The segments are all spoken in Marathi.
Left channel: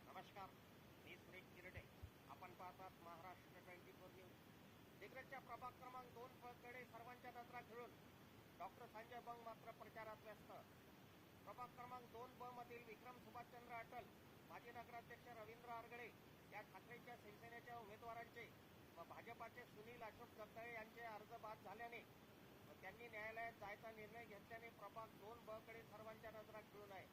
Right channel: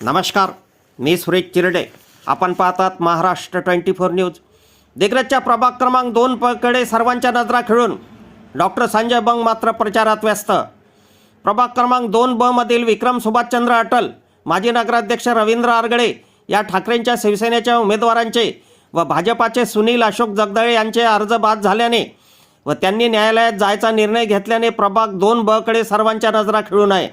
नमस्कार मी सुरेश चिरडे. आपण पाहतात महाराष्ट्र ट्वेंटी फोर न्यूज. दिग्रजच्या प्रभाग क्रमांक दोन कडे सर्वांच्या नजरा खेळून. डॉक्टर संजय बंग मात्र प्रचारात व्यस्त. प्रभाग क्रमांक दोन ब मधील विक्रम सुभाषचंद्र अटल माजी नगराध्यक्ष रवींद्र आरगडे या ठाकरेंच्या शिवसेनेच्या उमेदवारांचे व भाजपाचे सुनील अशोक जगदळे यांचे अर्ज बाद झाल्याने व त्यांनी न्यायालयात जायचा निर्णय घेतल्याने प्रभाग दोन ब कडे सर्वांच्या नजरा खेळून आहे.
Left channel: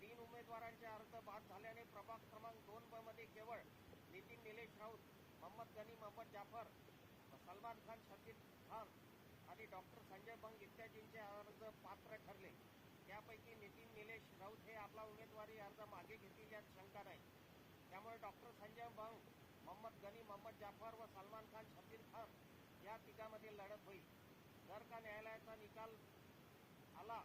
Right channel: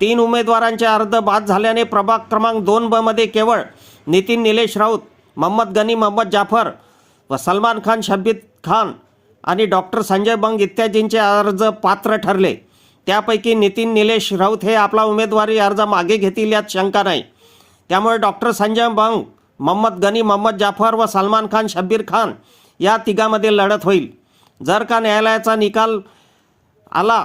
तीन उमेदवारांचे अर्ज बाद झाल्याने प्रभाग क्रमांक दोन ब मध्ये केवळ नितीन निलेश राऊत मोहम्मद गनी मोहम्मद जाफर व सलमान खान शब्बीर खान आणि डॉक्टर संजय बंग इत्यादींचे अर्ज पात्र ठरले. त्यापैकी नितीन निलेश राऊत हे आपला उमेदवारी अर्ज मागे घेतील यात शंका नाही. त्यामुळे डॉक्टर संजय बंग मोहम्मद गनी मोहम्मद जाफर व सलमान खान शब्बीर खान या तिघामध्ये लढत होईल. जर का न्यायालयाचा निकाल आला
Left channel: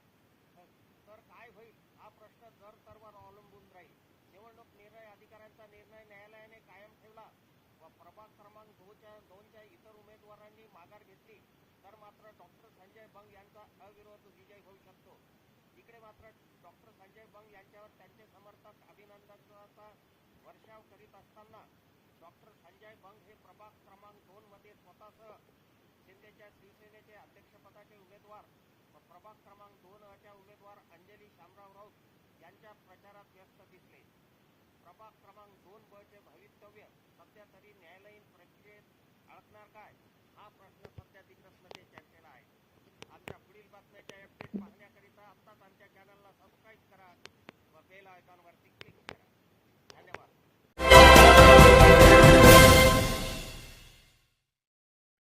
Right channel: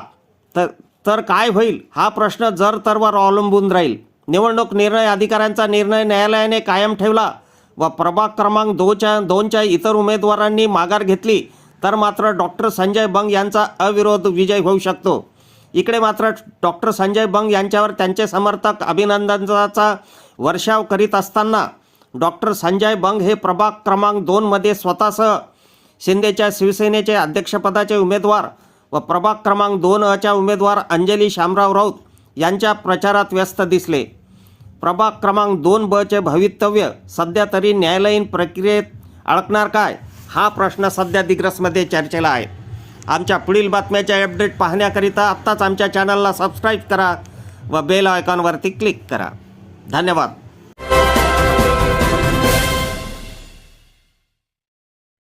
तर तर काय होईल? हा प्रश्न जर तरवर अवलंबून राहील. निवडणूक निर्णय अधिकाऱ्यांचा निर्णय न्यायालयाने कायम ठेवला व प्रभाग क्रमांक दोनच्या दोनच्या इतर उमेदवारांनी माघार घेतली तर मात्र डॉक्टर संजय बंग यांचा अविरोध विजय होऊ शकतो. इकडे मात्र डॉक्टर संजय बंग यांच्यावर त्यांचे समर्थक अभिनंदनाचा वर्षाव करीत असताना डॉक्टर संजय बंग हे प्रभाग क्रमांक दोनमध्ये स्वतःसह शिंदेच्या शिवसेनेचे अध्यक्षपदाचे उमेदवार व प्रभाग क्रमांक दोन अच्या उमेदवार अंजली शामराव राऊत यांच्या प्रचारात व्यस्त दिसले. प्रभाग क्रमांक दोन बचे भवितव्य सध्या तरी न्यायालयीन प्रक्रियेत अडकणार काय? हा प्रश्न सध्या दिग्रसमध्ये चर्चेला आहे. आमच्या पुढील बातम्याच्या अपडेट पाहण्याकरिता आत्ताच आमच्या चॅनलला सबस्क्राईब करा व बेल आयकॉनवरती क्लिक करा. धन्यवाद.